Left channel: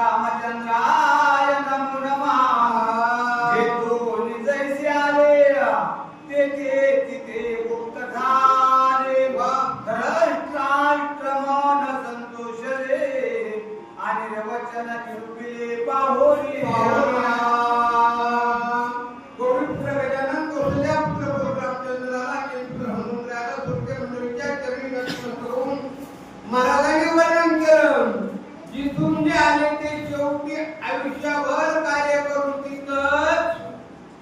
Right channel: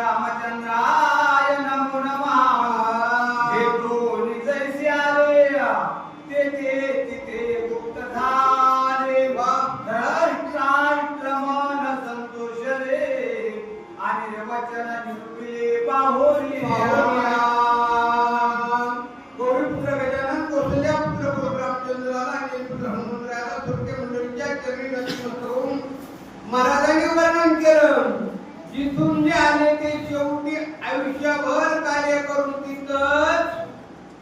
रामचंद्राय नमो नमः। जेथून जैसे आले तेथे तिथे गुप्त झाले राष्ट्र मन संतोषले आणि वचन निरुपले बाहुरी गोविंद्र गजानन कौशल्या पुत्र रामचंद्राला आणि पुत्र हनुमंतराला सुरके मंडळीच्या चरणी नतमस्तक होऊन महाराजांनी वर्णन केलं. जिथून जे आले ते शेवटी आयुष्यभर कार्य करून तिथंच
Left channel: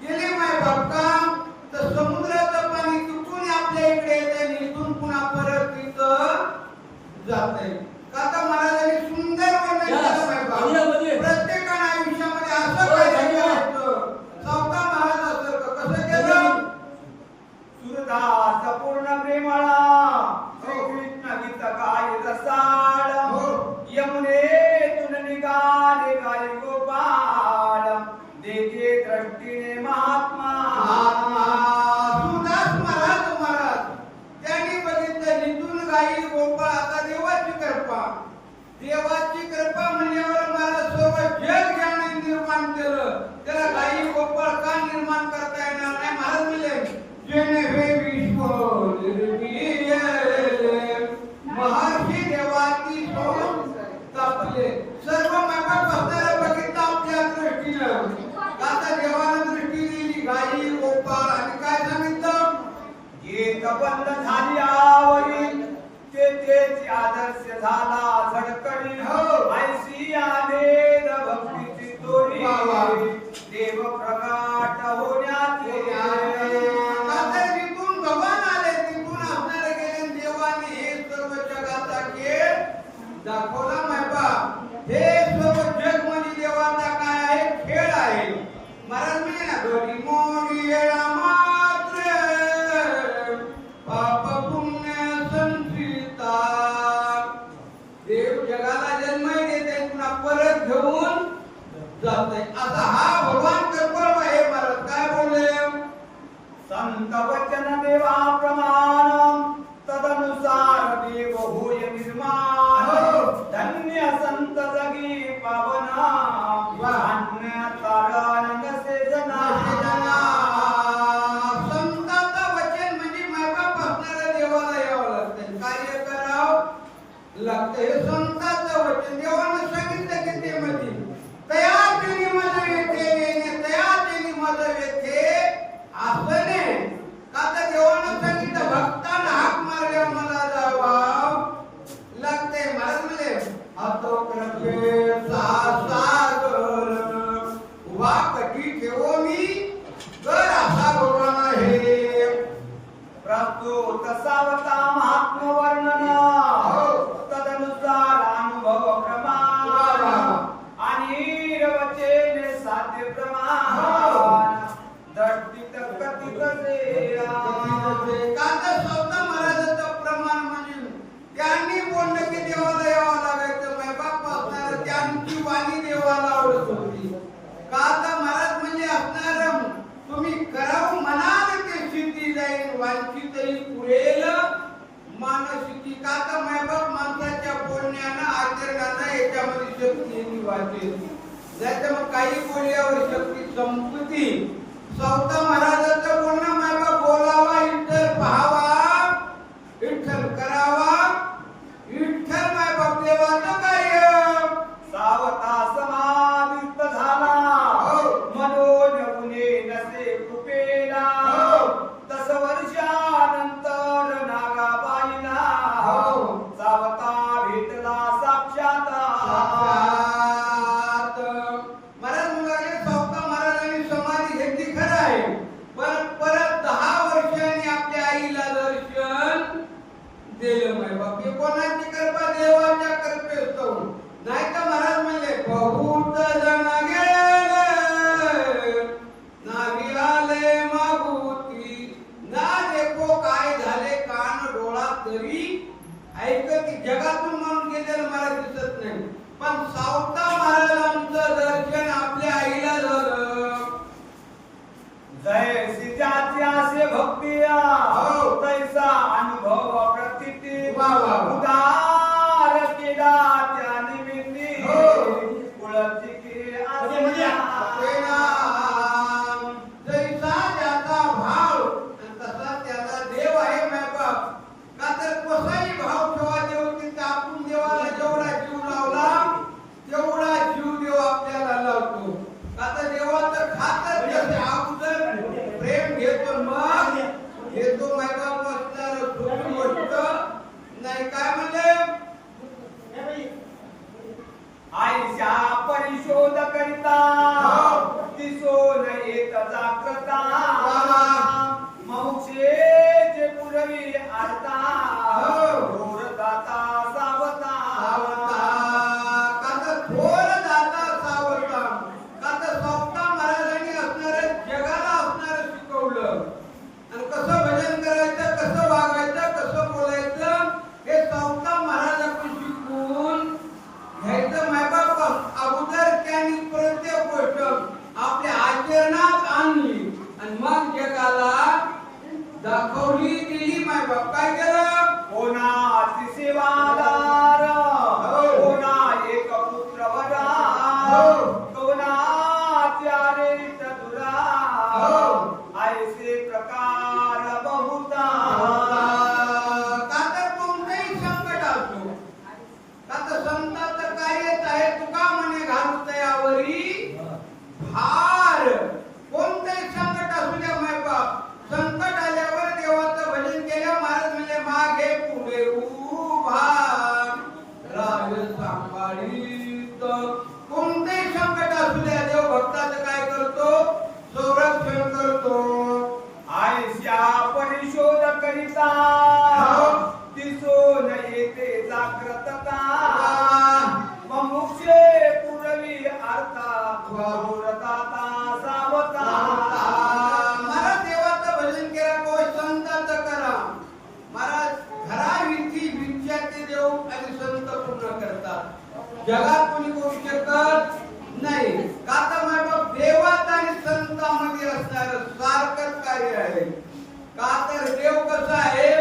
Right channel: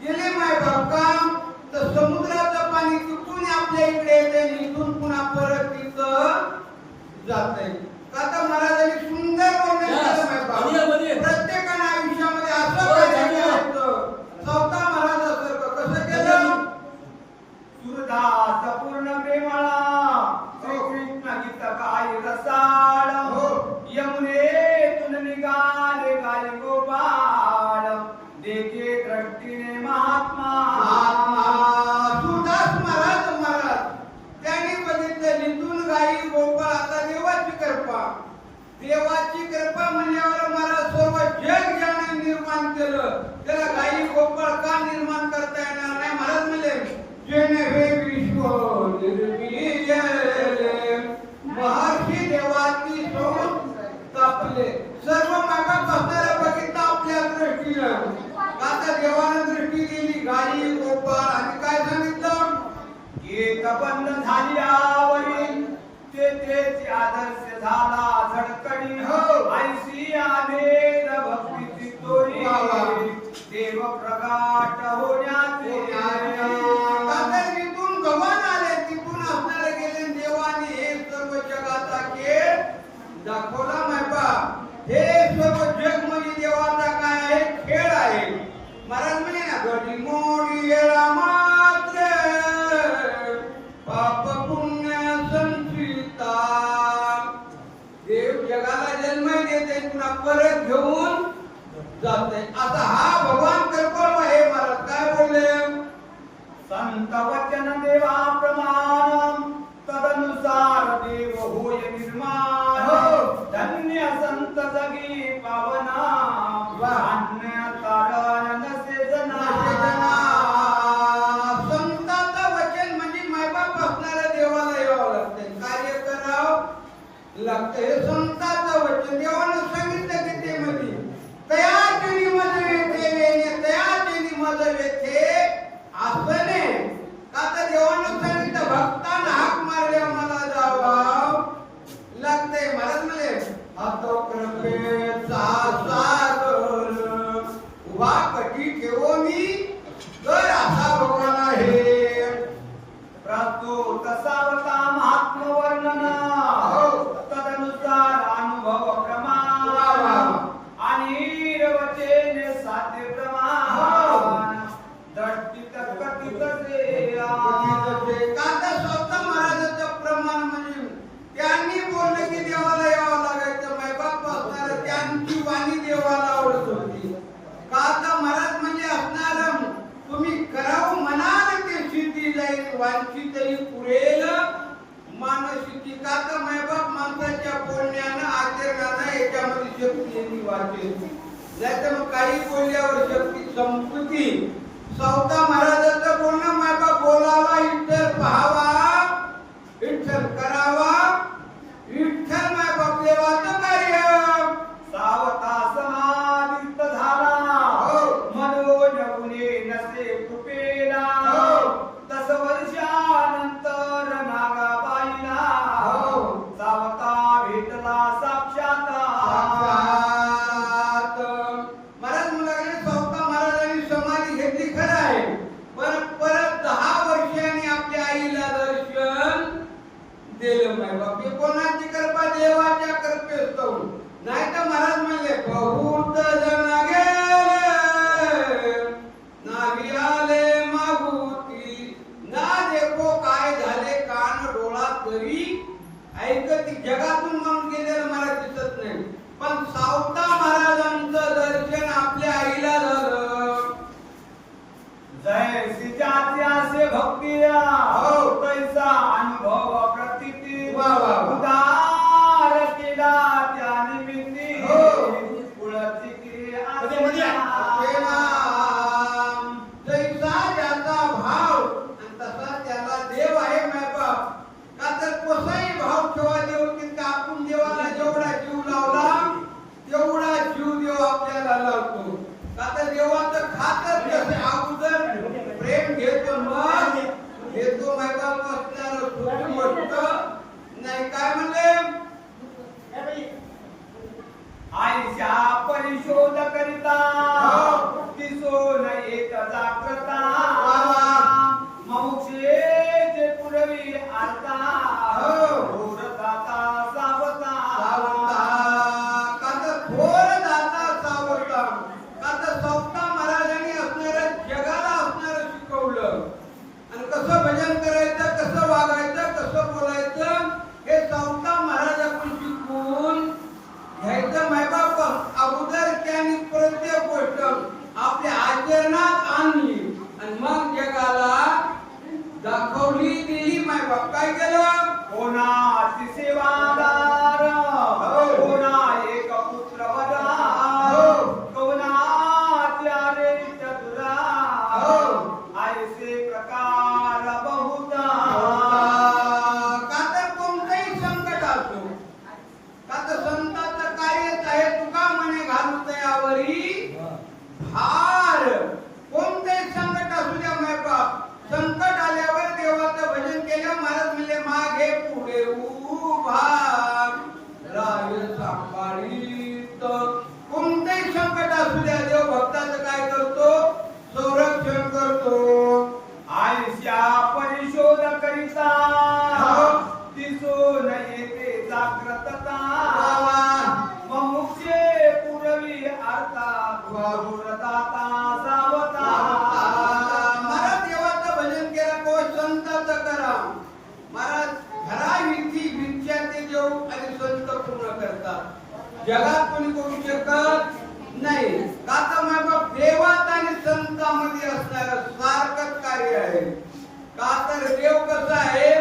गेले माय बापकाम. तर समुद्राचं पाणी तिथून आपल्या इकडे येते आणि इथून पुन्हा परत तिथं जात आहे. का तर महाराजांनी सुंदर वर्णन केलं माय बाप. प्रत्येकानं आयुष्यामध्ये असं काय करायचं. स्वतः महाराजासारखं कसं केलं. सुरदास पूर्ण प्रेमळा श्रीकृष्ण गीत काय रसाळ यमुनेतून निघाले गाय गोपाळ देखे दृष्टीने महात्मा. सुरदास महाराज त्यांनी बघितलं नितून गाई गोपाळ. आता देवाची कृपा. देवाची कृपा म्हणल्यावर मला सर्व जग ज्याने निर्माण केलं त्याला गाई गोपाळ का निर्माण करता येणार नाही. महाराज म्हणले जेणे हे विश्व निर्मिले महर्षी देवाची सोड तापले. सर्व मागात बसणाऱ्या बघितलं आपल्या दृष्टीनं. आता देवानं दृष्टी दिली गाई गोपाळ आणि काय सांगितलं. गीत बंद झाली आवरील तेथेच आदर्श झाला झडकडी ऐसी आभेद भक्तीची तोरी देव प्रगाट होण्याचे. तिथून भगवान आले तिथून असणारे गेले देवाने हे सर्व जगाचा खेळ दाखवला माय बाप. हे सर्व जग म्हणजे देवाचा काय आहे खेळ आहे. महाराज म्हणे ना घडी मोडी मात्र पाप पुण्य संचिता. देव जगाला जन्म देते पुन्हा परत घेऊन जाते. आता हा भगवान कृपा आहे. महाराज काय बोलले. संत वचन देवा प्रमाण तदनुसार देव होय निर्माण. धन्य संत जगी पावना अन्य तारण नसे जना. संतांचं वचन म्हणजे मायबाप असणाऱ्या देवाला यावं लागतं. कार्य करावं लागतं. हे संतांचं वचन देवानं सांगितलं की ते मध्ये तया केली मज येते तया केली मज येते असं नाही. का तर देवानं सांगितलं भक्तांना हाक मारल्यावर मला जावं लागतंय. महाराज म्हणले हातो कृपेचा सागर वा कटी ठेवो मी कर असा भगवान आहे. प्रस्तुत सावता महात्म वर्णन तदनुसार अनुभव प्रमाण आणि रवचेने साध्य प्रमाण दृष्टीत कथित कांदा स्वतः महाराजाचं प्रमाण म्हणजे त्यांनी बोललं की देवाला यावं लागायचं. मैबाप असणार त्यांची वाणी देवाला आवडत होती. कांदा महाराज म्हणजे असणार तुम्ही करावं म्हणाल ते सिद्धी जाईल वांछितही पुरेल मानसिकी. कांदा मैबाप माणसाच्या बोलण्यानं आचरणानं याच्यामध्ये शक्ती वाटेल. नाही तर मग काही बोलल्यावर शक्ती संपत्ती. स्वतः महाराजांचं बोलणं मायबाप बोलावा विठ्ठल पहावा विठ्ठल करावा विठ्ठल नाही तर महाराज म्हणले बहुत जण गेले नावी आले मागुती ना देखो काय झाले कान डोळा तरी ऐकत जगातून म्हणून गेलेलं मला दिसत नाही पण सावता महाराजांचं दर्शन आपल्या आईला झालं जैसी जाती आसे भक्ती हो. तैसा अनुभव प्रतीती वा, वा, वा. उदार केला त्या निमित्ती हो. कुळची की म्हणजे आपला जैसा ज्याचा भाव आणि तसा त्याला देव आहे मायबाप का तर कसाही भाव ठेवा देव तितका आपण देवाला जेवढा जीव लावला तेवढा जीव देव आपल्याला लावतो का तर देवाचं खातर जसे अगोदर प्रेम घेतो मग घेतो मायबाप असणार सोपी गोष्ट नाही काय म्हणले आईशा परिशोध करिता हो. दिसोन येत जागृता वा, वा. ममुक्षे जे पुरवी आरता हो. घोर गाता सावता का तर थोर दाता सावता का तर सावता महाराजांनी असणारं जगाला असणारं शिकवलं आणि कसं भजन करायचं कसं वागायचं कसं बोलायचं हे सावता महाराजाकडून शिकून घ्यायचं मायबाप अगोदर त्यांनी प्रत्येक गोष्ट आपल्या आचरणात आणली आणि मग जगाला दाखवली दिली मायबाप काय केलं कोणाची सेवादार हो. कोणा एक पुत्र वरा हो. कोणाच्या रेट दुरा हो. ऐसे प्रकार बहुता का तर कोणतंही संकट असो का तर संतांचं कार्यच आहे तुका म्हणे घालू तयावरी भार कोणतंही संकट असू द्या मायबाप संकट आल्यावर देवाचं भजन केलं महाराज म्हणजे मागे पुढे उभा राय सांभाळीत कोणतंही संकट असू द्या देव भक्ताचं काय करतो संरक्षण करतो आयुष्या परिशोध करिता हो. दिसून येते जागृतता ममुक्षे पुरवी आरता घोरदाता सावता मला देवाचं भजन केलं को संताचं करा महाराज घराविधी विचारते देव आणि संत पूर्ण करतात जगात कोणी करू शकत नाही का तर मायबाप देवात आणि संतांमध्ये असणारं सारखंच कार्य आहे का तर देव कसा आहे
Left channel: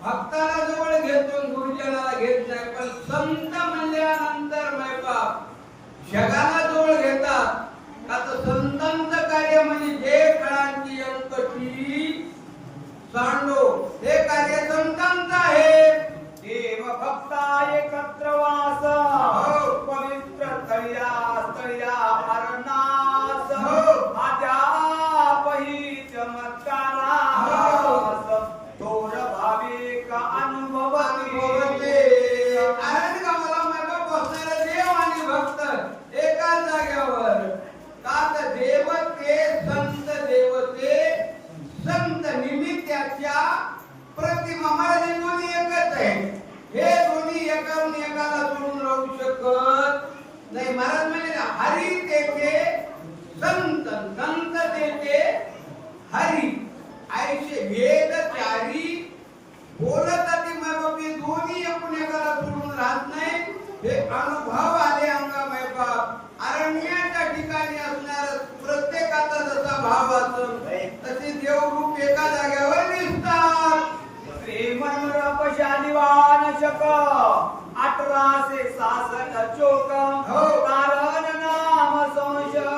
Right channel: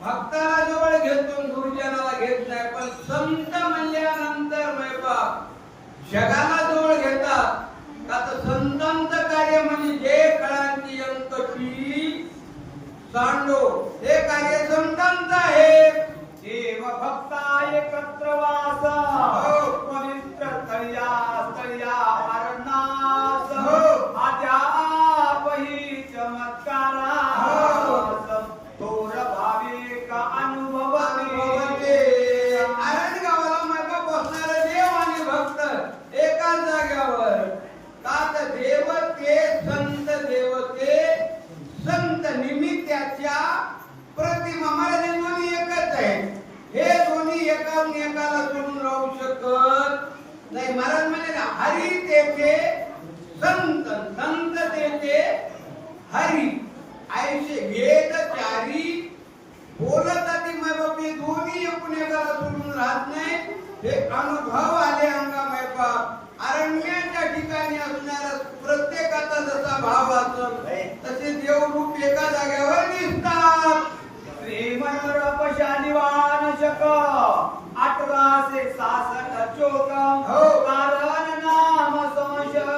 भक्ताला जवळ घेतो गुरुजनाला घेत नाही पण संत म्हणल्यानंतर मायबाप जगाला जवळ घेतात का तर संतांचं कार्य म्हणजे जे फळांची अंकटी सांडो हे कार्य संतांचं आहे देव भक्ता एकत्र वास हो. पवित्र तळ्या अरणास हो. आद्यापही चमत्कारा हो. थोर भाविक अनुभवते आनंद गावाला मागे बसणारे देव आणि भक्त एकाच जाग्यावर का तर देवते संत निमित्ताच्या प्रतिमा महाराज हे दोन्ही एकच आहे हे दोन्ही एकाला सोडून राहू शकत नाही महाराज म्हणे हरी तेथे संत तेथे हरी ऐसे वेद चारी बोलत ती मायबाप हे दोन्ही एकूण एकाला सोडून राहत नाही हे अनुभव आले अंगा मायबाप अरण्याच्या ठिकाणी असणारा प्रत्येकाचा जसा भाव असतो तसे देवरूप एका जागेवर दिसतात प्रेमनुरपशालिवान शक 1866 चोकम हो. कारण नाम संशर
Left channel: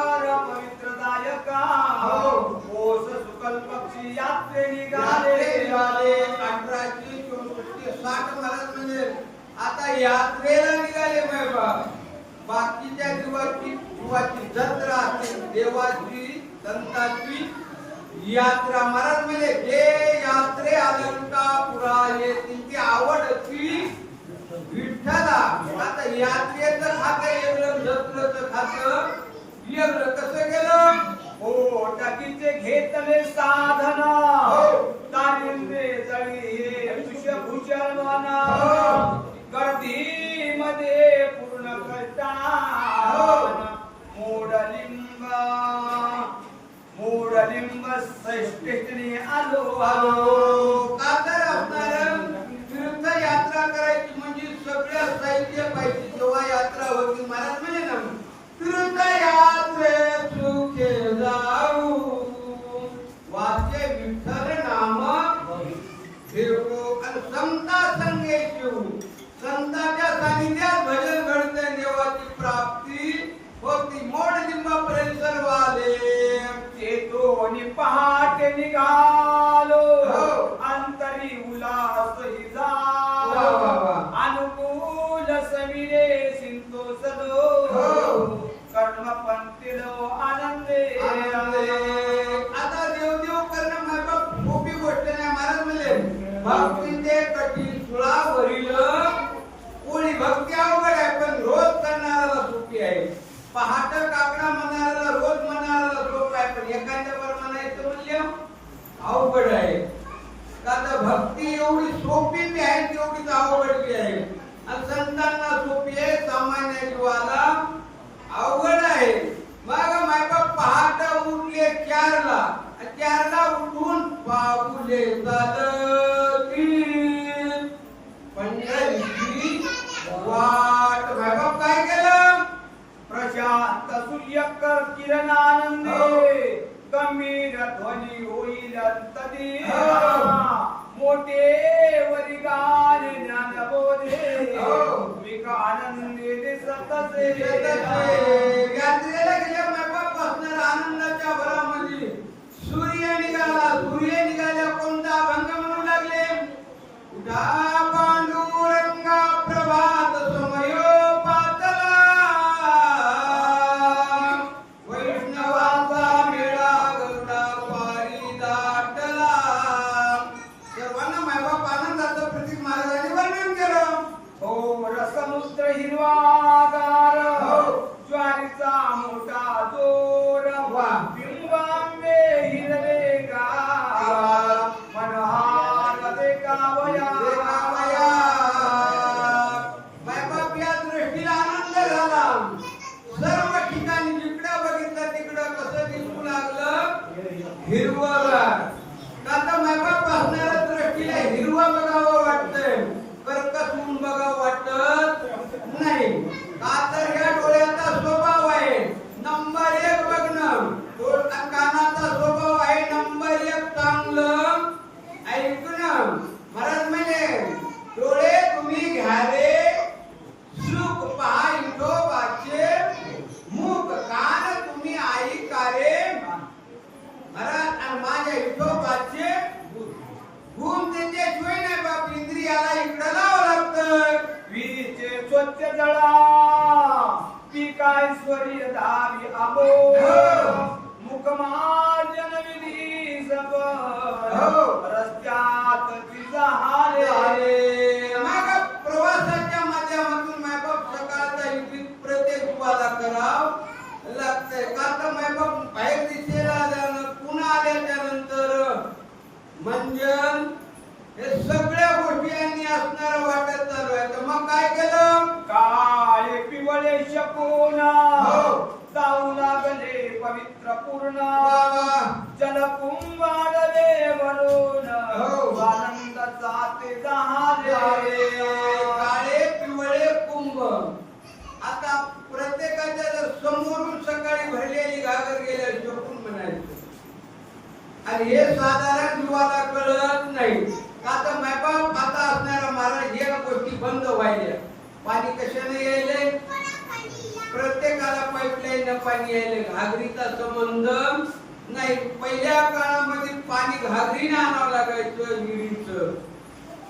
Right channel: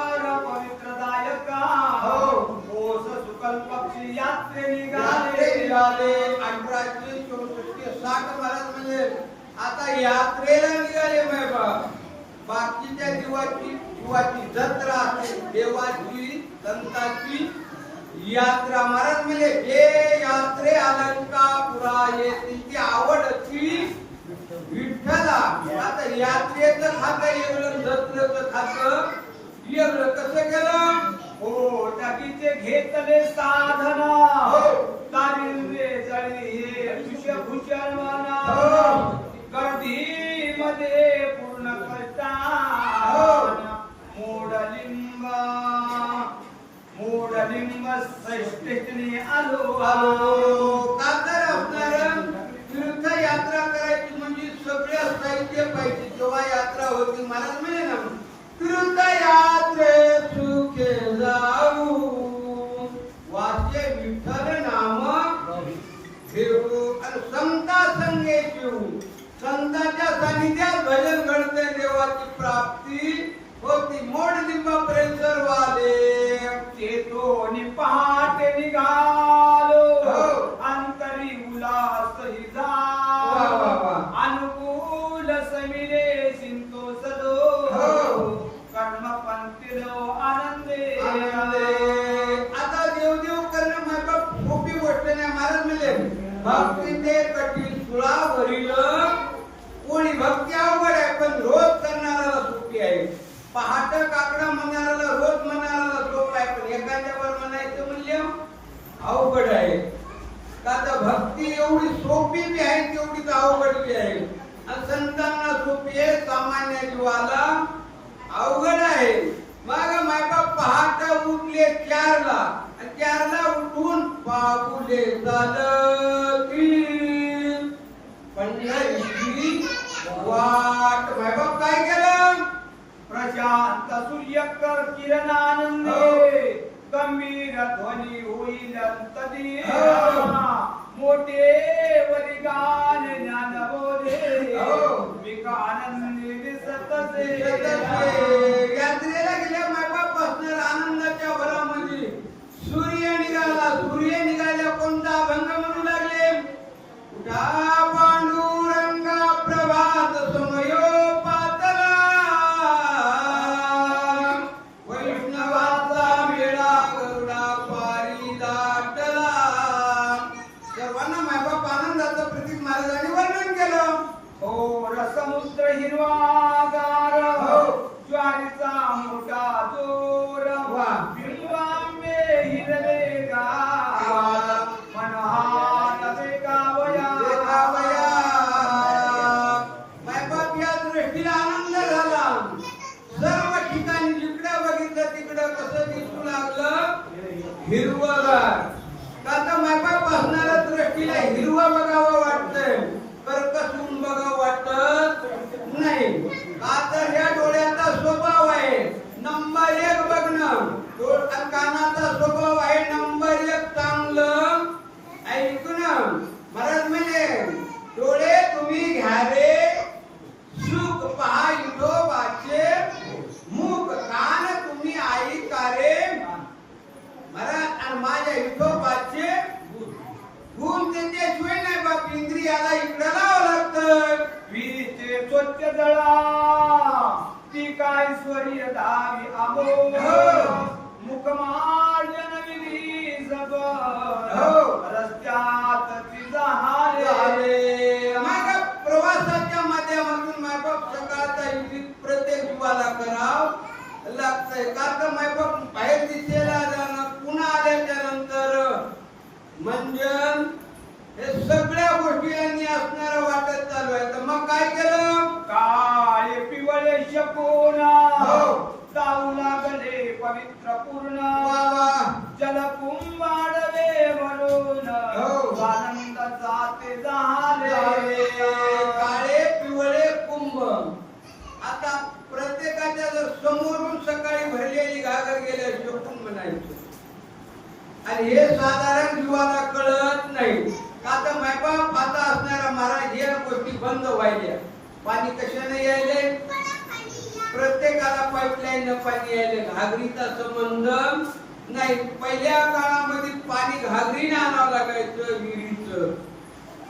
पवित्रदायक हो. ओस सुकल पक्षी यात्रे निघाले निघाले 1864 महाराज म्हणजे आता यात्रेला निघाले बाबा बाकीच्या जीवाची जत्रा असते देवाची संतांची यात्रा महाराज म्हणजे जे यात्रे अलंकापुरा येतील ती आवड असती विठ्ठला आता यात्रेचं खातं वेगळं जत्रेचं खातं वेगळं कसं केलं हो टाकीचे घेतले साधन हो. तारिंद्रे जळी हे पुष्यभूषण हो. गर्दी मध्ये पूर्ण श्रेष्ठीने आलो का तर असणार तीर्थ यात्रा करायची म्हणजे सगळे साहित्य पाहिजे. जेव्हा यात्रा होती महाराज म्हणजे ना तीर्थ यात्रे सुखे जाऊ वाचे विठ्ठल नाम फिरू आणि संता संगे शिवू. संतांच्या सानिध्यात भजन घडते देवाची प्राप्ती होती. मोड लिंबापर्यंत सर्व आले ते दोन्ही पहाटे निघालो हो. अंतरी उल्हास ही वा, वा, वा. अनुकूल समिरे संतोषलो हो. कर्म पंथिलो आनंदे आता देव करणं माझ्या सोपी गोष्ट नाही महाराज म्हणजे भक्ती ते कठीण सुळावरील कोणी भक्ती अवघड आहे पण रोज करणाऱ्याला सोपी आहे. पहाट काकडा म्हणणाऱ्याला रोज म्हणणाऱ्याला सोप आहे पण एखाद्यावर म्हणायचं मूल्य अवघड आहे. का तर भक्ती एवढी सोपी बी आहे तेवढीच अवघड बी आहे. आणि संतांना सोपी आहे सामान्य जीवाला अवघड आहे. मग मायबाप पहाट उठले 4ला आणि 4ला उठून पाऊले चालती पंढरीची वाट. मायबाप काय केलं? प्रशांत सूर्यकर किरणानंदे गंभीर ध्वनी होईल तदी मोठे वरी गान ज्ञान बोधे विकानंदी दिसतसे. यात्रेला गेल्या मायबाप बसणार आनंदाच्या भरामध्ये सूर्य निघाला. सूर्य निघाल्या कोणता अभंग म्हणू लागले? उठा पांडुरंगा प्रभात समयो पातला वैष्णवाचा मेळा गरुडा पारी दाटला. सर्वांना मायबाप आनंदाचं प्रतीक महाराजांनी वर्णन केलं. हो रसमुद्र हिरवागार हो. ज्वारीचा मोठा जोर वा. बिंबांबे हिरवे गार मनोहार देखावया. मायबाप या दृष्टीला आनंद झाला. सर्व ठिकाणी जिकडे बघितलं तिकडं कसं दिसू लागलं? हिरवगार. का तर मायबाप असणाऱ्या दृष्टीला हिरवा बघावं वाटतंय कर्कसून बघावं वाटत नाही. का तर या डोळ्याचा स्वभाव आहे नंबर 1 बघणं. कानाचा स्वभाव आहे नंबर 1 चांगलं ऐकणं. महाराज म्हणे डोळे तुम्ही घ्या रे सुख पहा विठोबाचे मुख. कान तुम्ही ऐका रे महाराज आणि माझ्या विठोबाचे गुण त्याच्याशिवाय नाही बाप. इंद्रियाला इकडं लावं लागतं. विहिरीचे स्वच्छ जळा पिकाईश्वरी दावी आबो मुखमार्जन विधी सब रस्त्यात तिचा हारे. मग प्रवासाच्या माध्यमातून मायबाप सकाळचा युक्ती प्रत्येक जीवाला करावं लागतंय. का तर मायबाप बाहेर दिसेला जाणं पुन्हा आल्याच्या नंतर मंजन हे सगळ्या गोष्टी यांनी असणारं वाटत चालू आहे. तर मग काय केलं? काळे पिवळे शकोना हो. जाऊ लागले पवित्र पूर्ण वा. जलकुंभाडले म्हणून हो. आनंद जाते झाले. काळे पिवळे कुंभ. आता प्रत्येकाच्या जर समोरून सकाळी भरलेली घागर गेल्या शकून म्हणायचं आणि हे साधारण जीवाला कळत नाही. का तर मायबाप आता असणारा महाराज या गोष्टी बंद व्हायल्या. पाणी कशाने यायले? प्रत्येकाला पाईपलाईन पाणी यायले. घागरीचा संबंध नाही. पहिल्या काळामध्ये पाणी घागरीने आणावं लागायचं विहिरीचं.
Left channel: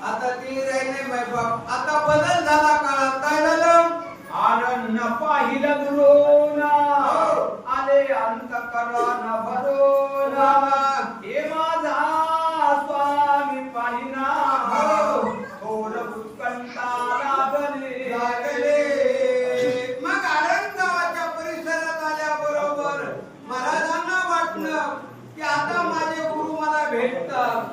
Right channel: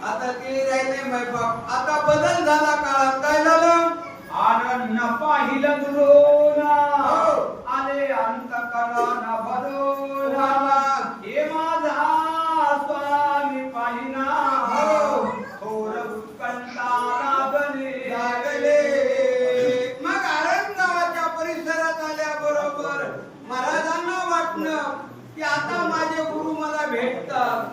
आता ते राहिले मायबाप. आता बदल झाला काळात. काय झालं? आनंद पाहिलं दुरोना हो. आले अंतकरण भरोना हे माझा स्वामी पाहिना हो. थोर उत्कंठा लागले. मग आरणगावाच्या परिसरात आल्याबरोबर महाराजांना वाटलं की आता माझे गुरु मला भेटतात.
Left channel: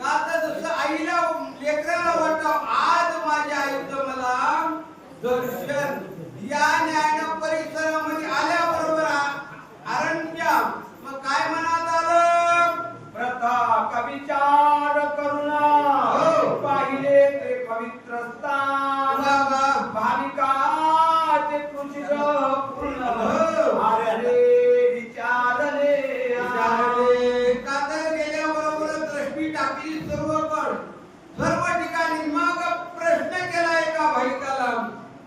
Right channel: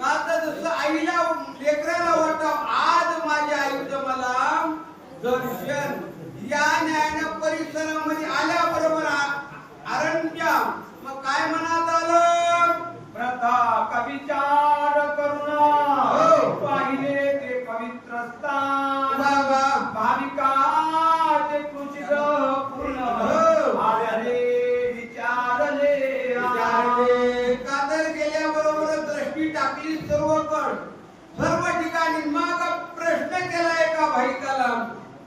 का तर जसं आईला लेकराला वाटतं आज माझ्या आईचं मला वा भाविका ते तुझी पूर्ण हो. आले विचारले का तर गेल्याबरोबर दृष्टी टाकली सर्वकड सर्व ठिकाणी मग प्रश्न केला एका भाविकाला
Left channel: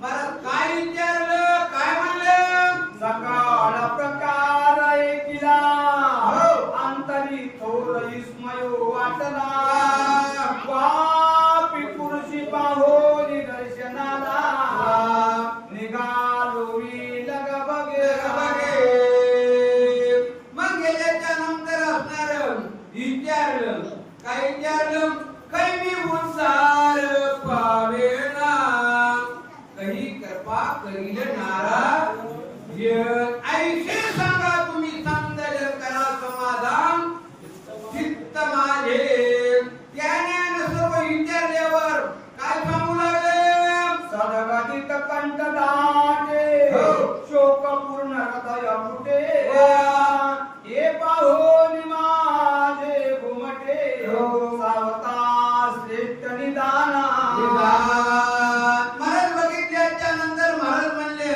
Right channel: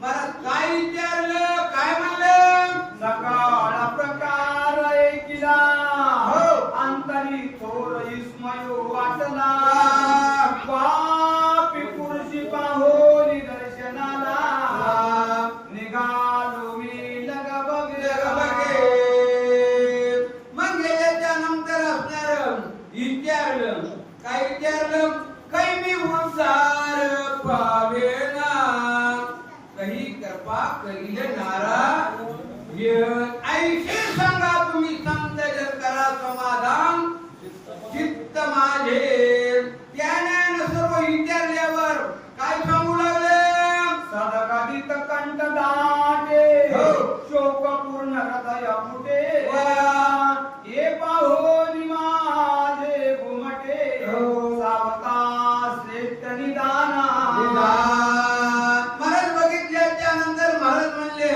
महाराज काय विचारलं काय म्हणलं सकाळ प्रकार ऐकिला हो. अंतरी थोर विस्मय वाटला पापी पुरुषी पाहो निदर्शनाला निघालो मी लग बगे मग गेल्याच्या नंतर असणार विचारलं काय विचारलं काही मी उद्धार पावेना काही कृपा करील नाराज ऐशी सांगा तुम्ही संत जन करा समाधान चित्त माझे त्याने सर्व विचारल्यावर काय सांगू लागले सदगदित कंठ दाटे हो. शोक पूर्ण हृदय फुटे वा. हे पाहोनी माझे घुमटे हो. सावता श्रेष्ठ निदाना महाराज बघितल्याच्या नंतर महाराज म्हणले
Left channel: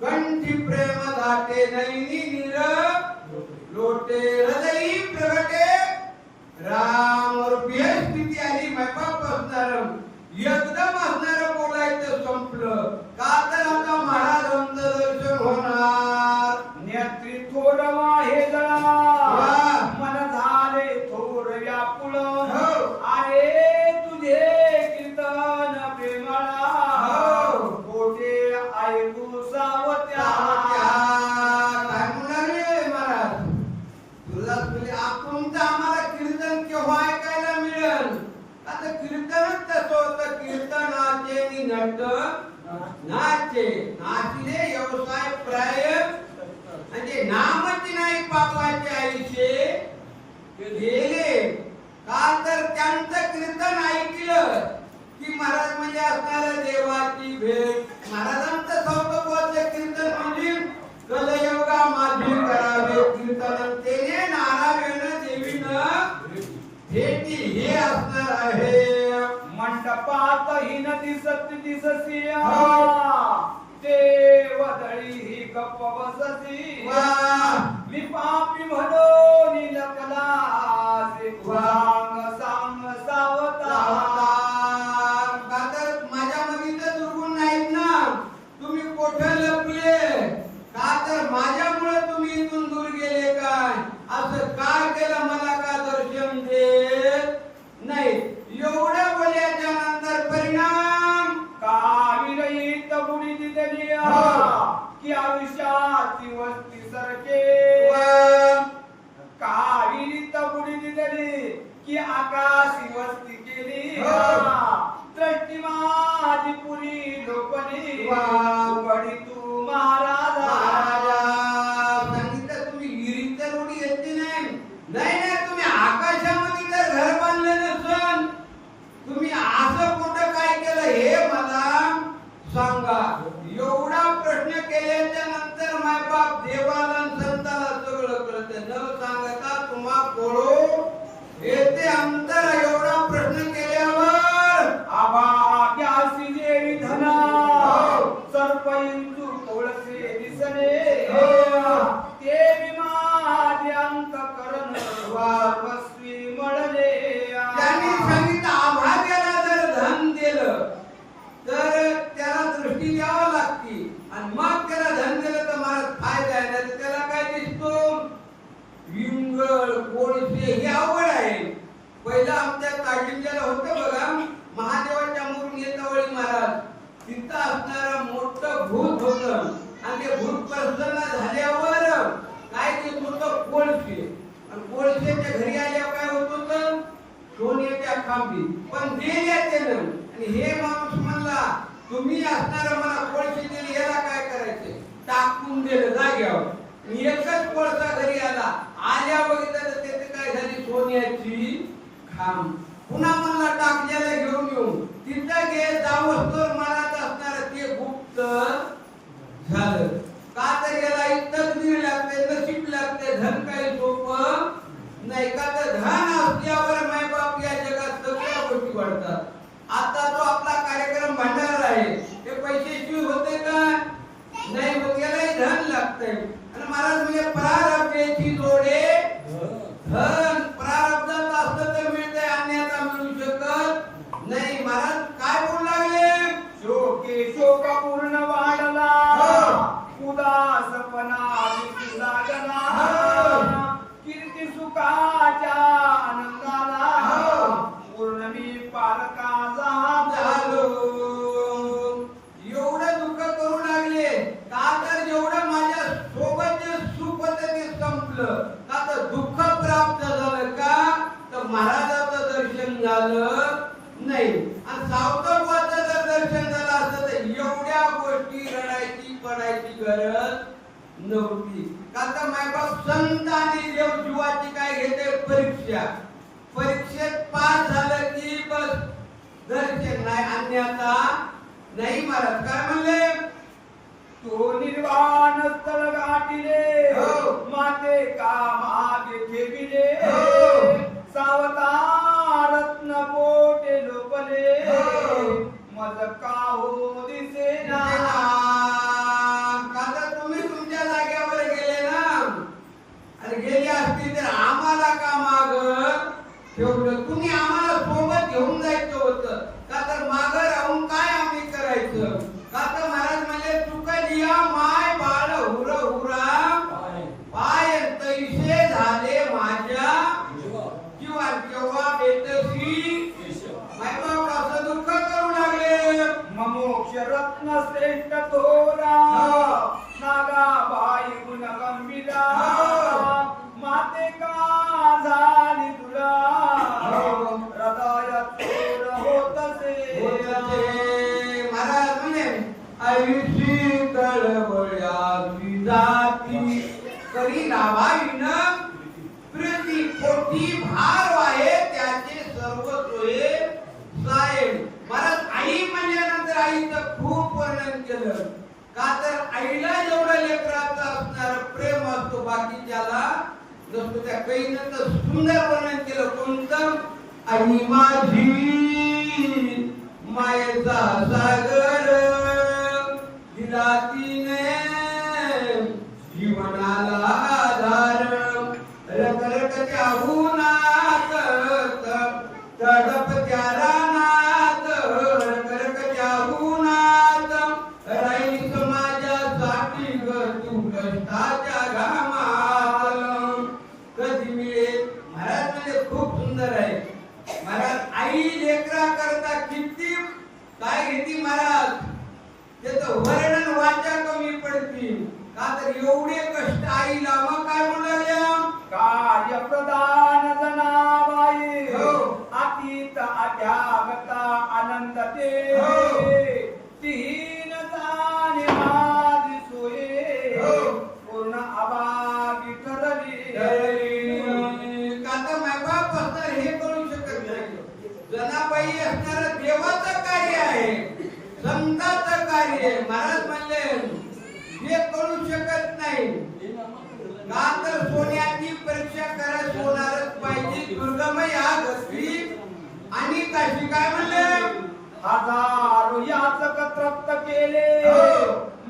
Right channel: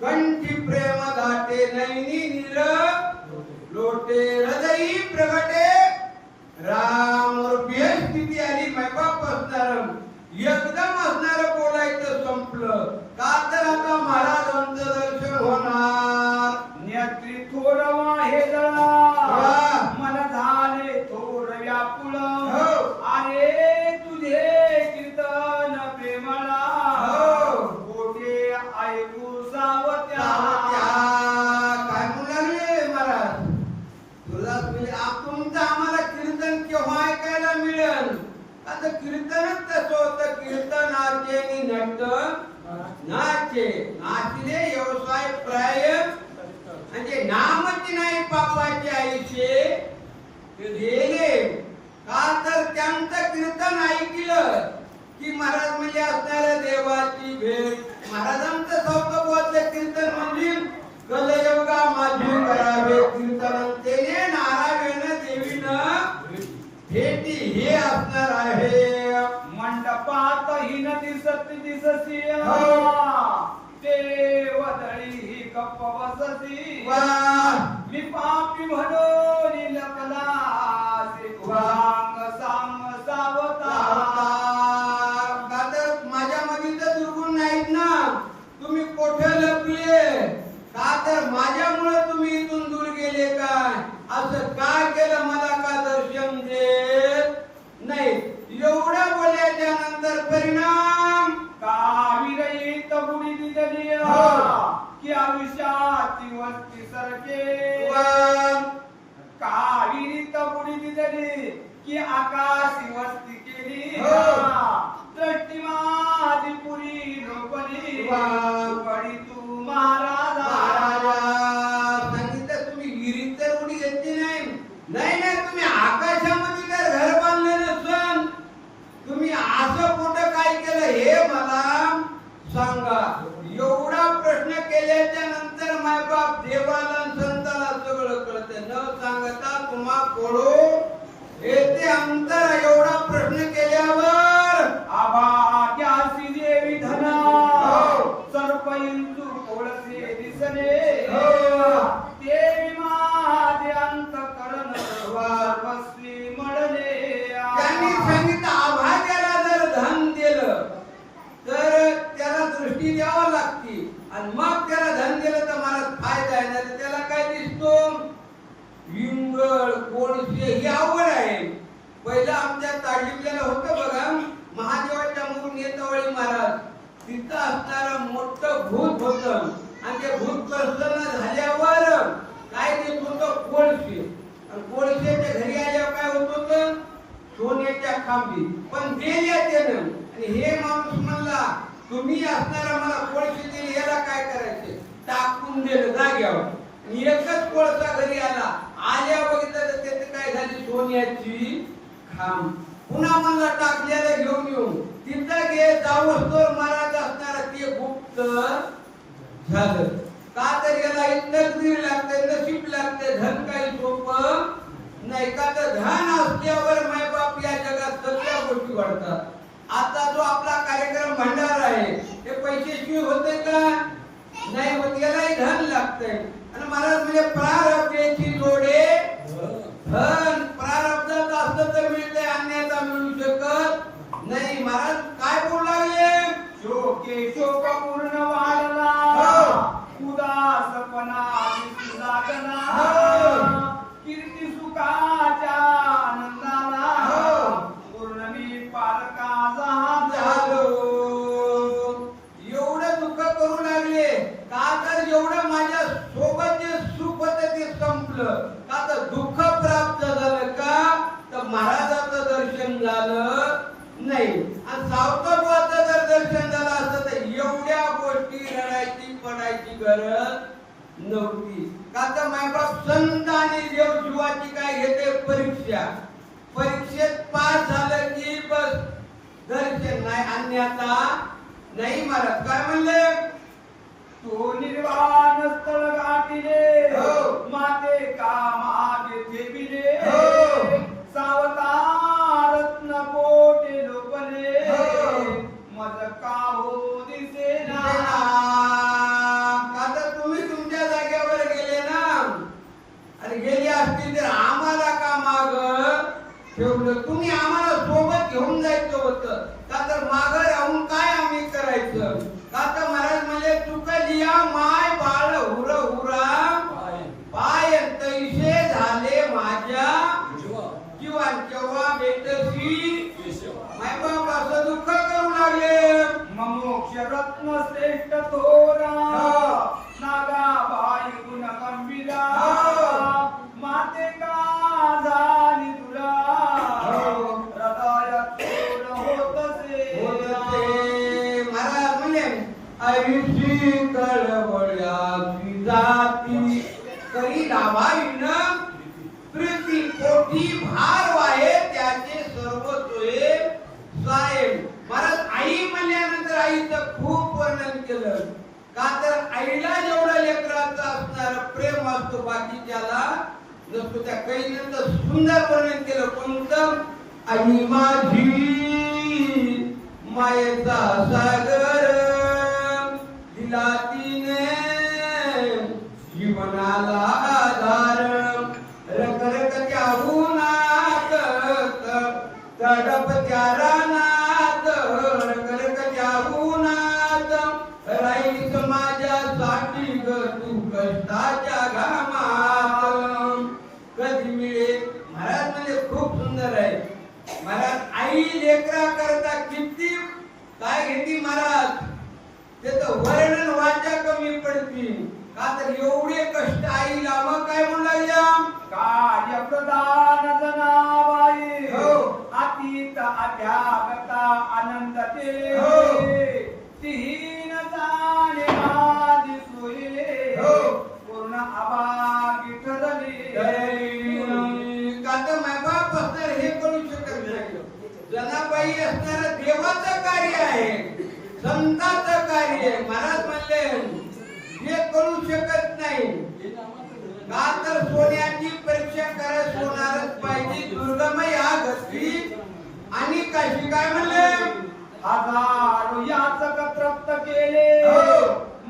कंठी प्रेम दाटे नैनी नीर लोटे हृदयी प्रगटे राम स्थिती आली मैबाप असणार एकदम असणार बोलायचं संपलं का तर आता महाराजांचं दर्शन होणार नेत्री थोर वाहे जळा वा. मन झाले थोर व्याकुळ हो. अरे तुझे कीर्तन प्रेमळा हो. कोठे ऐकू सावत्या काय म्हणाले महाराज तुळजास बोले तुमचं आम्हाला कीर्तन केव्हा ऐकायला मिळेल आता कीर्तनच तसं होतं कीर्तनाचे नि नट नाचे नाचले व्यवसाय प्राय म्हणजे नामच नाही पापाचे आयुष्य गेले का तर त्यांचं कीर्तन ऐकलं की महाराज म्हणजे असणाऱ्या देवाची भेट महाराजांचं सौतत्वाचं कीर्तन म्हणजे कलयुगा माझी करावे कीर्तन तेने नारायण देवीनं भेटी हे असणार आहे मंडपात हिन दिसत दिससिया हो. देवदळी ही गप्प बससी वा. मी पापी म्हणून लपला सांग सावता का तर माझ्यामध्ये तर दुर्गुण नाहीत ना तुम्ही कोठे लपले का तर माझ्यामुळे तुम्ही इथून दूर गेले काय असं काय केलं मला का दर्शन देत नाही एवढ्या बोलल्याच्या नंतर परिणाम काविरहित बुडी दिदली हो. की आयुष्याची वस्ती सरके वा. काविरित बुडी दिदली की आकाशी वस्ती केली हो. दृष्टी माझी पुरी लोकली वा. उघडी तू महाराजा महाराजा सांगितलं तुम्ही विहिरीत तर उडी घेतली नाही नाही तुम्ही आकाशामध्ये जर घर बांधलं नसन तुम्ही असं कुठं काय केलं हे मला सांगा एवढा प्रश्न केल्याच्या नंतर मायबाप देवाला आणि संताला सगळं कळतं न सांगता तुम्हा कोळो येते अंतर एवढा प्रश्न केल्यावर आभाग्यासी देवी धना हो. सर्पयंतु कोळसे दिसले हो. देवी माझे अंतकरण वा. सर्वस्वी मळले त्यांनी सांगितलं आभाग्याला जर धन दिलं तर त्याला दृष्टी द्यावी लागते आणि मग त्याला धन दिलं तर मला फायदा आहे ना त्याला काय दिसतो विंगळ कोळसे ही आवड आहे पहिला आमच्या ताडलिपल्याला होतं बघा महादेवाच्या मूर्ती येतावळी महाराज तिथं असणारं मोठं भूत होतं आणि ते भूत प्रसन्न झाल्यावर काय देत होतं कोळसे आणि कोळसेच्या घरी आल्यावर काय होत होतं सोन्याच्या खांबी पण दिल्या त्यानं आणि हे माणूस म्हणला तुम्ही असणारा मला कोळसे दिले याला काय करायचे टाकून दिलं जाग्यावर एकच कोळसा घरी आला आल्या बघितलं तर त्याचं काय झाली सोन्याची खांब पुन्हा मला टाकल्याला घेऊन येऊन तिथं गे जावस्तोर महाराज असणार ते गुप्त झालं का तर याला तकदीर लागते नशीब लागते धन काही सोपं नाही का तर धन असल्यावर मायबाप या जगात सगळ्या गोष्टी वाढतात आता जो आपला कार्यक्रम भंडारा आहे हे पैशाशिवाय होते का नाही होत, यालाही धन लागतंय. आणि महाराज म्हणजे प्रारब्धाची जोडे धन. प्रारब्धात असलं तर मिळतंय, अन्यथा मिळू शकत नाही. महाराज काय बोलू लागले? शोके शोक पूर्ण वाढला, हो. उदासपणा दिसू लागला, हो. कीर्ती सुखाच्या आनंदाला, हो. पूर्ण मी पारका झालो. एवढं दुःख करू लागले का तर जेवढं माझ्या सोबत जे सुख होतं ते संपलं. का तर दुःख प्राप्त झालं का तर महाराजाचं दर्शन झालं नाही. आणि सावतबाचं जर दर्शन झालं असतं तर एवढ्या गोष्टी रडायची पडायची गरज नव्हती. का तर मायबाप संत आणि देव जीवाची काय घेते परीक्षा. परीक्षेत पास झालं की बस दर्शन नाही, अन्यथा नाही. महाराज काय म्हणले? तो निर्वाण स्थळ गाठिले, हो. माते कामागे ठेविले, हो. सावता रत्न पोटे लोपले, हो. मज काहो दिसेना. का तर तुम्ही तुमच्या जागेवर गेले ना, आणि गेली असती तर आम्हाला का माग ठेवलं? तुम्ही आम्हाला सोबत घेऊन जायचं होतं. का तर माग राहून काय आम्ही करायचं? का तर महाराज म्हणले चुकलिया माय बाळ हुर हुरा पाय तैसे झाले माझ्या जीवन. केव्हा भेटसी मायबाप असं दुःख करू लागले. ममोक्ष रत्न श्रेष्ठ थोरा, हो. नागाबाई गुण गंभीरा, हो. माते का झाली तुला, हो. हृदय चोर होतसे. महाराज म्हणजे आयुषी कळवळ्याची जाती करी लावाईन प्रीती पोटी भार वाहे त्याचे सर्व सोये साहेब. महाराज आई म्हणल्यानंतर आईचं खूप वर्णन केलं. का तर आईला जेवढं लेकराचं असणार प्रेम असतो बाकीच्याला नसतो. त्या कैनं तर सुंदर वर्णन केलं. कोणतं? आई माझी मायेचा सागर दिला तिने जीवनाला आधार. रखरखत्या उन्हात तडप त्या रानात, रखरखत्या उन्हात राईस माझ्यासाठी ग तू कष्टाच्या घामात कधी मिळेल. महाराज म्हणजे खूप सुंदर आहे. महाराज आई लेकरा करता किती काय घेती महाराज, त्याचं वर्णन वाचा कमी पडतील. का तर एवढे कष्ट आईला. मग काय म्हणू लागल्या? कार्य प्रदान जनाबाई, हो. अतीत अध्यागता आनंद ते, हो. तीन जाणे माझी सोये, हो. पूर्ण अभागी ठरली. का तर मायबाप असणार हे करू शकत नाही. जनाबाई असणार देवाचं कार्य आहे, संतांचं कार्य आहे. महाराज म्हणले हे करू शकत नाही. का तर सोन्याची परीक्षा करा, सोनारच पाहिजे. दुर्गम या गती आणि काशी काय म्हणले? हजारो याचक तृप्त केले, हो.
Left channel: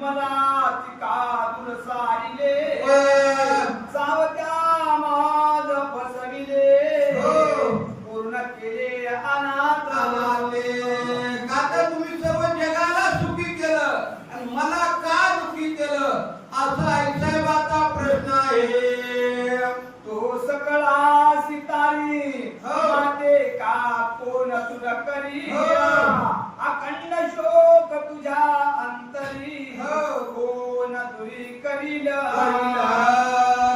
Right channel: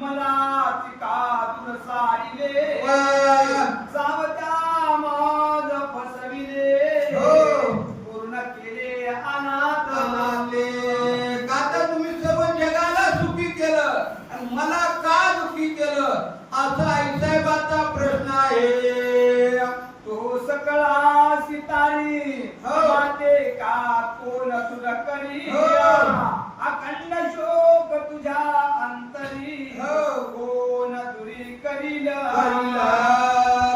मला चिकातून सारिले, वा. सावत्या माझ फसविले, हो. पूर्ण केले अनाथ. आले. का तर तुम्ही सर्व जगाला सुखी केलं आणि मला का दुखी केलं असा आईसाहेबाचा प्रश्न आहे. तो सकळा सितारी, हो. माते का कोण तुला करी, हो. अखंड शोक तुझ्या अंतरी, हो. कोण दुरी करील.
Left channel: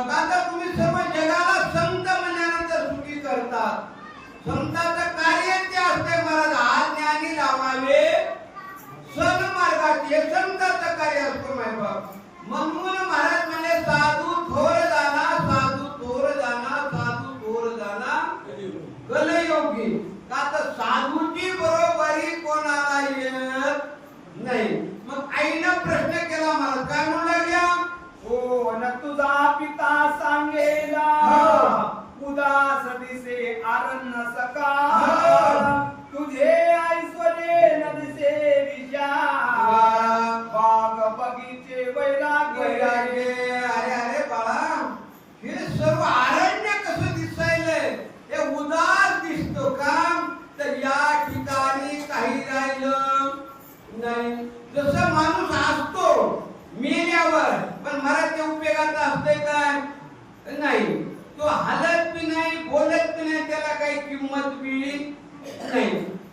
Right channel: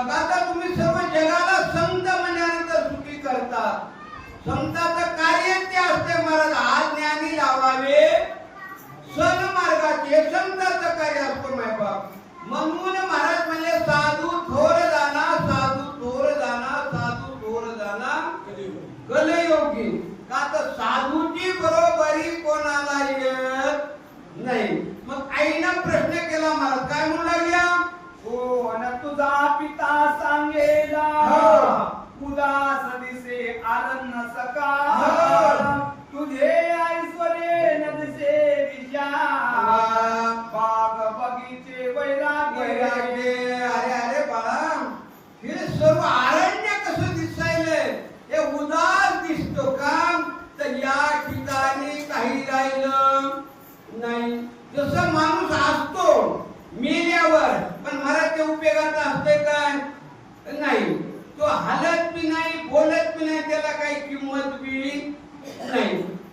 का तर तुम्ही सर्व जगाला संत म्हणल्यानंतर सुखी करतात. संतांचं कार्य ते असते महाराज आज ज्ञानी लावावे सन्मार्गाचे संतांचं कार्य असतो मायबाप. म्हणून महाराज म्हणले साधू थोर जाना, साधू थोर जाना, साधू थोर जाना कलयोगी. का तर साधूची बरोबरी कोणाला येत नाही. मग आईनं प्रश्न केला महाराज काय म्हणू लागल्या? कोण तुझा पिता सांगेला, हो. उदास दिसे आरण्य सका, हो. तुझे आई सर्व अरण्य कसं दिसायलंय, हे उदास दिसतो का? तर या ठिकाणी काही राहिलं नाही. जसं माणूस असतो मेल्यावर, पण मराठी उपयोगाचा असतंय काय? नाही. तो हलत बी नाही, बोलत बी नाही, त्याला काही किंमत बी नाही.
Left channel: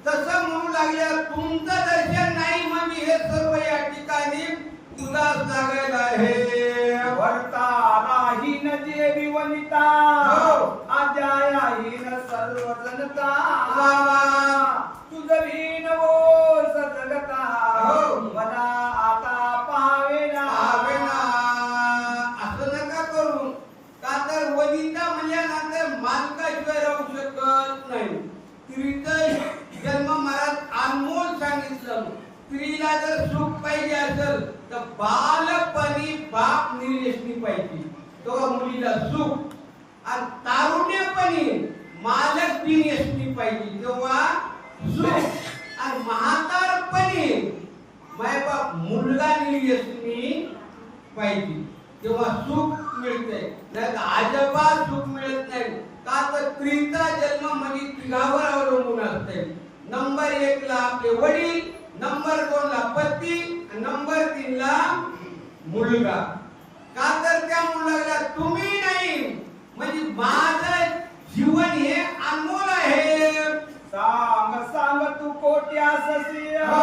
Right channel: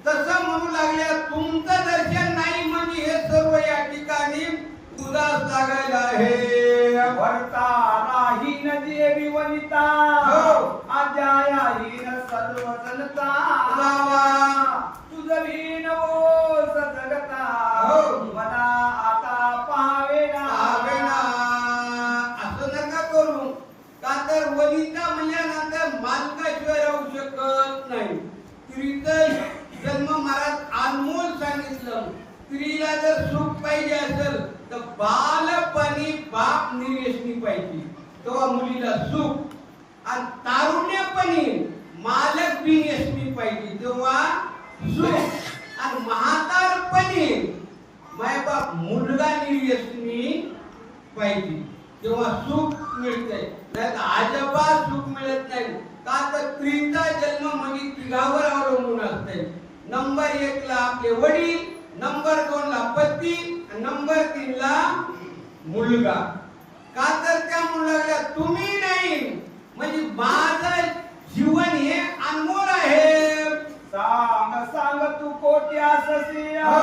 तसं म्हणू लागल्या तुमचं दर्शन नाही म्हणजे हे सर्व या ठिकाणी उदास लागायला आहे. वर्ता राहीन देवी वनिता, हो. आज्या येईन सर्व जनता. वा वा. तुझं भीन ओ सजगता, हो. मला आता पाहावेना. असं नका करू. का तर वनिता म्हणल्यानंतर मालकाशिवाय राहू शकत नाही. स्त्रीचा जन्म महाराज अनमोल सांगितलं. स्त्रीला जर सुख पाहिजे असेल तर बालपणी बाप निर्यसनी पाहिजे, तेव्हा मुलीला सुख. आणि तारुण्यपणी मालक बिनयसनी पाहिजे, तेव्हा सुख. आणि म्हातारपणी मायबाप मुलगा निर्यसनी पाहिजे, तेव्हा सुख मिळते. नाही तर अजिबात सुख मिळत नाही. का तर स्त्रीचा जन्म म्हणजे तिघावर अवलंबून असते. नंबर 1 ला आपले वडील, नंबर 2 ला पती, नंबर 3 ला मुलगा. का तर त्या मुलाला तुम्ही नाही म्हणजे माझं जीवन हे अनमोल आहे. सांग सांग तू कोट्यास सिया, हो.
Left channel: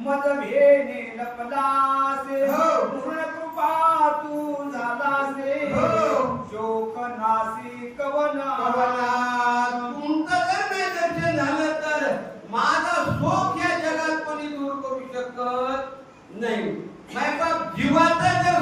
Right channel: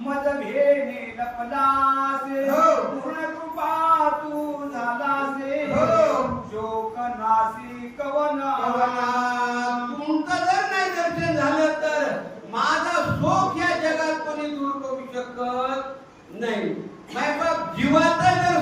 मज भेने लपलासे. हो. पूर्ण कृपा तू झालासे. हो. शोक नासी कवन. तुमचं जर नाही दर्शन झालं तर माझं शोक या जगात कोणी दूर करू शकत नाही. मायबाप जीवाचा जर